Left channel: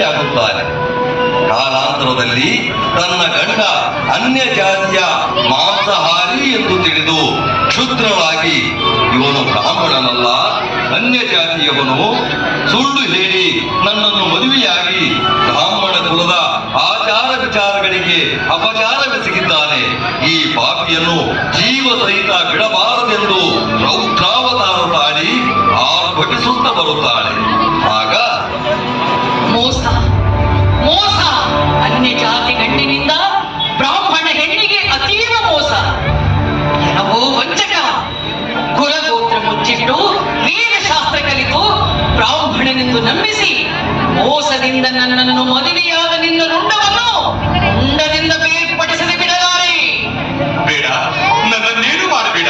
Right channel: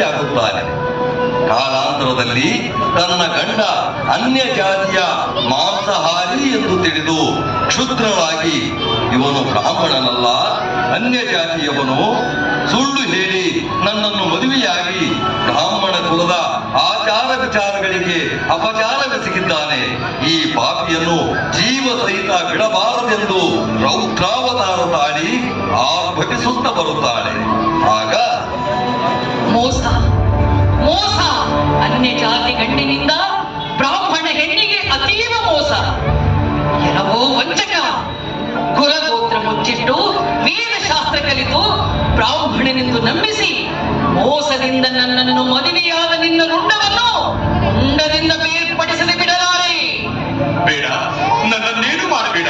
ಮದುವೆಯಾಗುತ್ತಾನೆ. ಕಾಲಾಂತರದಲ್ಲಿ ತನ್ನ ಗಂಡ ಅನ್ಯ ಜಾತಿಯ ಮಾಂಸಾಹಾರಿ ಎಂದು ತಿಳಿದು ಕ್ಷುದ್ರಳಾಗಿ ಇವನು ಬ್ರಾಹ್ಮಣನಲ್ಲ, ಅನ್ಯ ಜಾತಿಯವನು, ಸುಳ್ಳು ಹೇಳಿ ನನ್ನನ್ನು ಮದುವೆಯಾಗಿ ಬ್ರಾಹ್ಮಣ ಕುಲದ ಆಚಾರ ವಿಚಾರಗಳಿಗೆ ಅಪಚಾರವೆಸಗಿದ್ದಾನೆ. ಈ ಪಾಪಿಯನ್ನು ಜೀವ ಸಹಿತ ಬಿಡಬಾರದೆಂದು ರೌದ್ರಾವತಾರ ತಾಳಿ ಆರ್ಭಟಿಸುತ್ತ ಬರುತ್ತಾಳೆ. ಆಗ ಮೋಸ ಮೋಸ, ಅನ್ಯ ಜಾತಿ ಗಂಡಿನಿಂದ ಬ್ರಾಹ್ಮಣ ಹೆಣ್ಣಿಗೆ ಅತೀವ ಮೋಸ. ಕೆಲವೋ ವಂಚಕ ಕುಲಗೋತ್ರ ಮುಚ್ಚಿಟ್ಟು ವೇದಶಾಸ್ತ್ರ ಕಲಿತು ಬ್ರಾಹ್ಮಣನೆಂದು ನಂಬಿಸಿ ಮೋಸದಿಂದ ನನ್ನನ್ನು ಮದುವೆಯಾದ ನಿನ್ನ ರುಂಡವನ್ನು ರುಂಡದಿಂದ ಬೇರ್ಪಡಿಸದೆ ಬಿಡಲಾರೆ. ಬೇಡ, ನನ್ನನ್ನೇನು ಮಾಡಬೇಡ.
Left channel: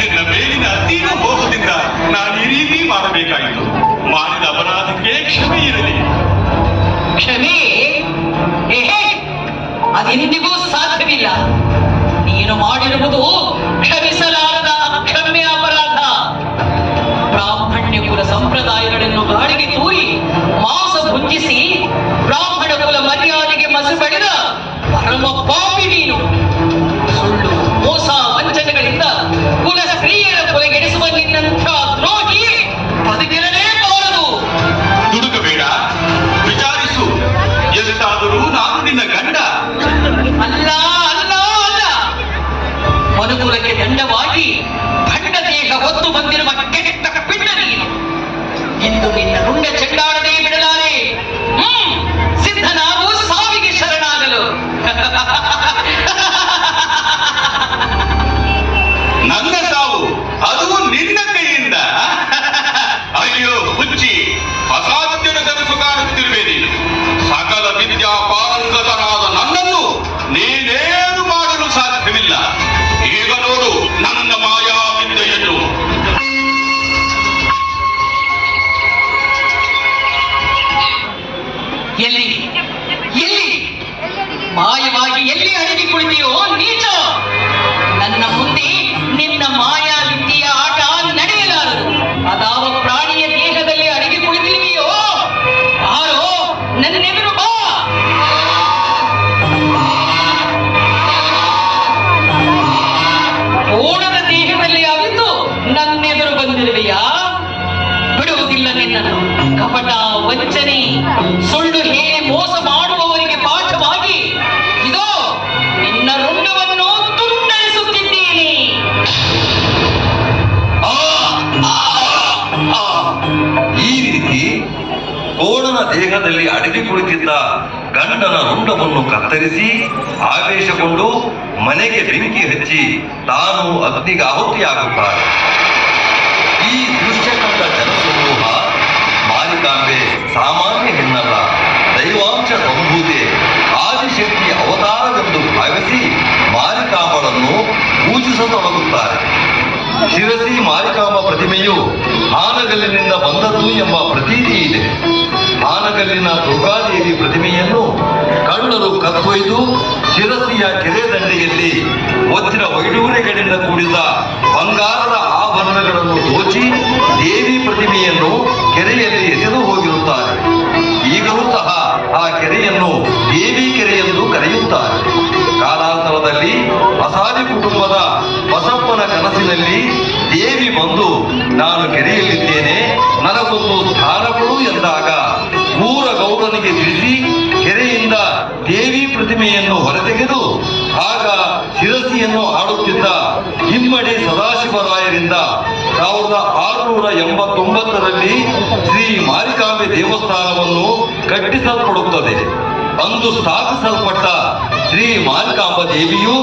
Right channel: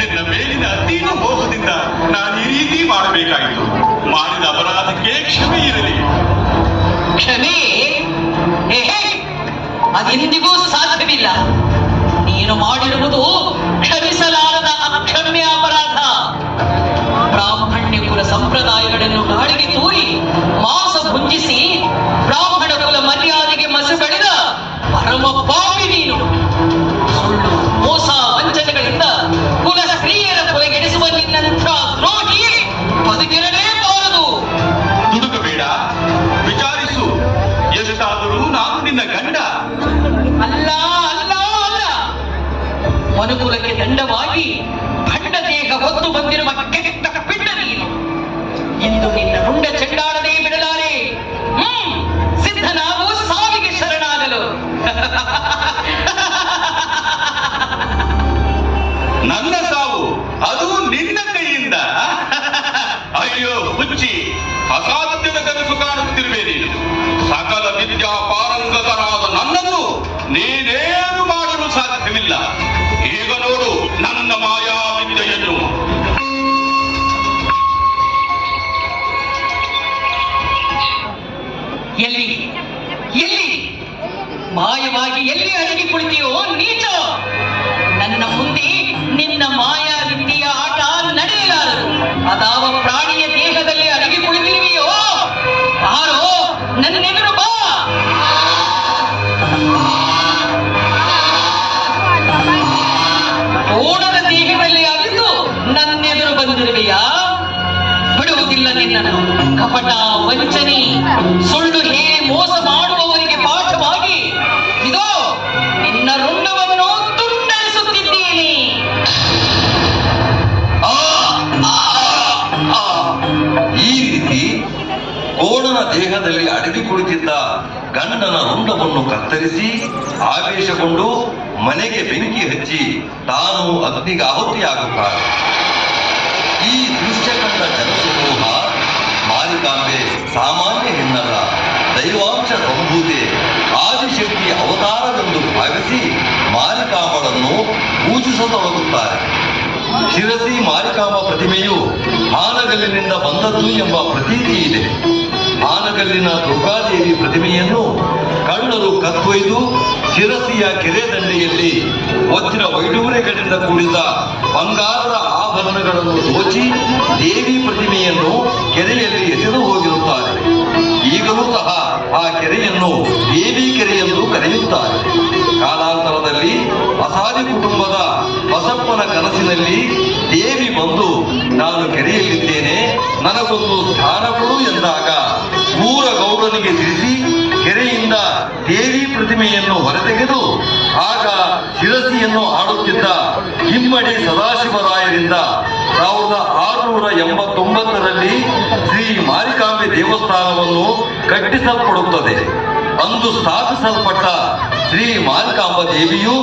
ನಿನ್ನ ಮೇಲಿನ ಅತೀವ ಮೋಹದಿಂದ ನಾನು ಈ ರೀತಿ ಮಾಡಬೇಕಾಯಿತು. ಮಾಡಿದ ಅಪರಾಧಕ್ಕೆ ಕ್ಷಮೆ ಇರಲಿ. ಕ್ಷಮೆ ಅದೆಂದಿಗೂ ಸಾಧ್ಯವಿಲ್ಲ. ನೀನು ಮಾಡಿರುವುದು ಕ್ಷಮಿಸಲಾರದ ಅಕ್ಷಮ್ಯ ಅಪರಾಧ. ಬ್ರಾಹ್ಮಣ್ಯ ಕುಲ ಸಂಪ್ರದಾಯಗಳನ್ನು ಗಾಳಿಗೆ ತೂರಿ ಮಾಂಸ ಭುಂಜಿಸಿ ಬ್ರಾಹ್ಮಣ ಕುಲ ಮರ್ಯಾದೆಗೆ ಮಸು ಬಳಿದ ಪರಮ ಪಾಪಿ ನೀನು. ಸುಳ್ಳು, ಮೋಸ, ವಂಚನೆಗಳಿಂದ ಕುಲ ಸ್ತ್ರೀಯರ ಕೊಲೆಗೆಡಿಸುವ ನಿನ್ನಂಥ ದ್ರೋಹಿ ಬದುಕಿರಲೇಬಾರದು. ದುಡುಕಬೇಡ, ವಿಚಾರಿಸು. ಎಷ್ಟಾದರೂ ನಾನು ನಿನ್ನ ಗಂಡ. ಅಲ್ಲ ಅಲ್ಲ ಅಲ್ಲ, ಮನುಕುಲಕ್ಕೆ ದಂಡವಾಗಿ ಭಂಡ ದೇಹ ಹೊತ್ತು ಬಂದಿರುವ ಕೆಟ್ಟ ಪಿಂಡ ನೀನು. ಇಂದು ನಿನ್ನ ರುಂಡ ಚೆಂಡಾಡದೇ ಬಿಡಲಾರೆ. ಸಿದ್ಧನಾಗು ಸಾವಿಗೆ ಶರಣಾಗಲು. ನನ್ನ ಸಾವು ಅದು ನಿನ್ನ ಕೈಯಿಂದ. ಅಯ್ಯೋ ಹುಚ್ಚಿ, ಅಸಾಧ್ಯದ ಕನಸು ಕಾಣುತ್ತಿರುವೆ ನೀನು. ಸಕಲ ವಿದ್ಯಾ ಪಾರಂಗತರಾದ ನನ್ನನ್ನು ನೀನೇನು ಮಾಡಲು ಸಾಧ್ಯವಿಲ್ಲ. ಈಗ ನೋಡು ನನ್ನ ಮಾಯಾ ವಿದ್ಯೆಯನ್ನು. ಎಲ್ಲಿ ಎಲ್ಲಿ ಮಾಯವಾಗಿ ಎಲ್ಲಿ ಅಡಗಿ ಕುಳಿತೀಯೋ ನೀಚ? ನನ್ನ ಮುಂದೆ ನಿನ್ನ ಮಾಯಾ ವಿದ್ಯೆಯ ಆಟ ನಡೆಯಲಾರದು. ಅದಾವ ಪ್ರಾಣಿಯ ದೇಹದಲ್ಲಿ ಅಡಗಿ ಕುಳಿತೀವಿಯೋ ಆರೋ ನನ್ನೆದುರು ಬಾ. ಓಣದ ದೇಹದಲ್ಲಿ ಅವಿತು ನನ್ನೆದುರು ಬಂದಿರುವೆಯಾ? ಬಿಡುವುದಿಲ್ಲ ನಿನ್ನನ್ನು. ಕಪಟ, ವಂಚನೆ, ಸುಳ್ಳು ಹೇಳಿ ಮೋಸ ಮಾಡುವವರಿಗೆ ಪಾಠವಾಗಿ ಇದೋ ನಿನ್ನ ರುಂಡವನ್ನು ತುಂಡರಿಸುತ್ತಿದ್ದೇನೆ. ಈ ರೀತಿ ಕೋಣನ ದೇಹದಲ್ಲಿ ಅಡಗಿ ಕುಳಿತಿದ್ದ ಗಂಡನ ರುಂಡವನ್ನು ಕತ್ತರಿಸಿ ಆವೇಶಗೊಂಡು ಮನೆಗೆ ಬೆಂಕಿ ಹಚ್ಚಿ ತಾನು ಅಗ್ನಿಗೆ ಆಹುತಿಯಾಗುತ್ತಾಳೆ. ಈ ದೃಶ್ಯ ಕಂಡ ಜನಸಮೂಹ ಮಾರಿಕಾಂಬೆ ಸಾಮಾನ್ಯ ಹೆಣ್ಣಲ್ಲ, ದೈವಾಂಶ ಸಂಭೂತೆ, ಆದಿಶಕ್ತಿ ಅವತಾರವೆಂದು ಭಾವಿಸಿ ಮಾರಿಕಾಂಬಳನ್ನು ಪೂಜಿಸತೊಡಗುತ್ತಾರೆ. ಶಿರಸಿ ಮಾರಿಕಾಂಬ ಪ್ರತಿಮೆಯು ಹಾನಗಲ್ಲಿನಿಂದ ಬಂದದ್ದು ಎಂಬ ಪ್ರತೀತಿ ಇದೆ. ಹಾನಗಲ್ಲಿನ ದುರ್ಗಾದೇವಿ ಪ್ರತಿಮೆಯನ್ನು ಕಳ್ಳರು ಕತ್ತೊಯ್ದು ಶಿರಸಿಯ ಕೆರೆ ದಂಡೆಯಲ್ಲಿ ವಜ್ರ ವೈಡೂರ್ಯಗಳಿಂದ ಕೂಡಿದ ಬಂಗಾರದ ಆಭರಣಗಳನ್ನು ದೋಚಿ ದೇವಿ ಪ್ರತಿಮೆಯನ್ನು ಕೆರೆಯಲ್ಲಿ ಎಸೆದು ಹೋಗಿರುತ್ತಾರೆ. ಈಗಲೂ ಸಹ ಆ ಕೆರೆಯನ್ನು ದೇವಿ ಕೆರೆ ಎಂದು ಕರೆಯುತ್ತಾರೆ. ಕಾಲಾಂತರದಲ್ಲಿ ಅಸಾದಿ ಕುಟುಂಬದ ಬಸಪ್ಪನ ಕನಸಿನಲ್ಲಿ ದೇವಿ ಬಂದು ನಾನು ಕೆರೆಯಲ್ಲಿದ್ದೇನೆ, ನನಗೊಂದು ಸ್ಥಾನ ಕೊಡು ಎಂದಾಗ ಊರ ಗೌಡನಿಗೆ ತಿಳಿಸಿ ಕೆರೆಯಿಂದ ದೇವಿ ಪ್ರತಿಮೆಯನ್ನು ಹೊರತೆಗೆದು ಆಗ ಶಿರಸಿಯನ್ನು ಆಡುತ್ತಿದ್ದ ಇಮ್ಮಡಿ ಸದಾಶಿವರಾಯರಿಂದ 1689ರಲ್ಲಿ ಶ್ರೀ ಮಾರಿಕಾಂಬೆ ದೇವಸ್ಥಾನವನ್ನು ಕಟ್ಟಿಸಲ್ಪಡುತ್ತದೆ. ಅಂದು ಸ್ಥಾಪಿಸಲ್ಪಟ್ಟ ಶ್ರೀ ಮಾರಿಕಾಂಬ ದೇವಿಯು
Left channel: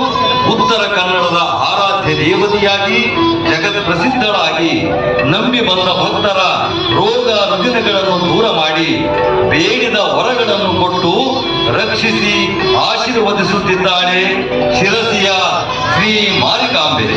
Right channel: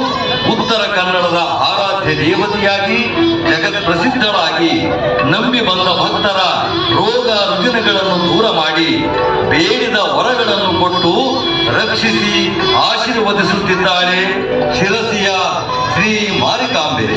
ಉತ್ತರ ಕನ್ನಡದ ಆರಾಧ್ಯ ದೇವತೆಯಾಗಿ ಜಗತ್ ಪ್ರಸಿದ್ಧಳಾಗಿ ನಂಬಿ ಬಂದ ಭಕ್ತರ ರೋಗ ರುಜಿನಗಳನ್ನು ದೂರ ಮಾಡಿ ಬೇಡಿದ ವರಗಳನ್ನು ಕೊಟ್ಟು ರಕ್ಷಿಸಿ ಆಶೀರ್ವದಿಸುತ್ತಿದ್ದಾಳೆ ಶಿರಸಿಯ ಶ್ರೀ ಮಾರಿಕಾಂಬೆ.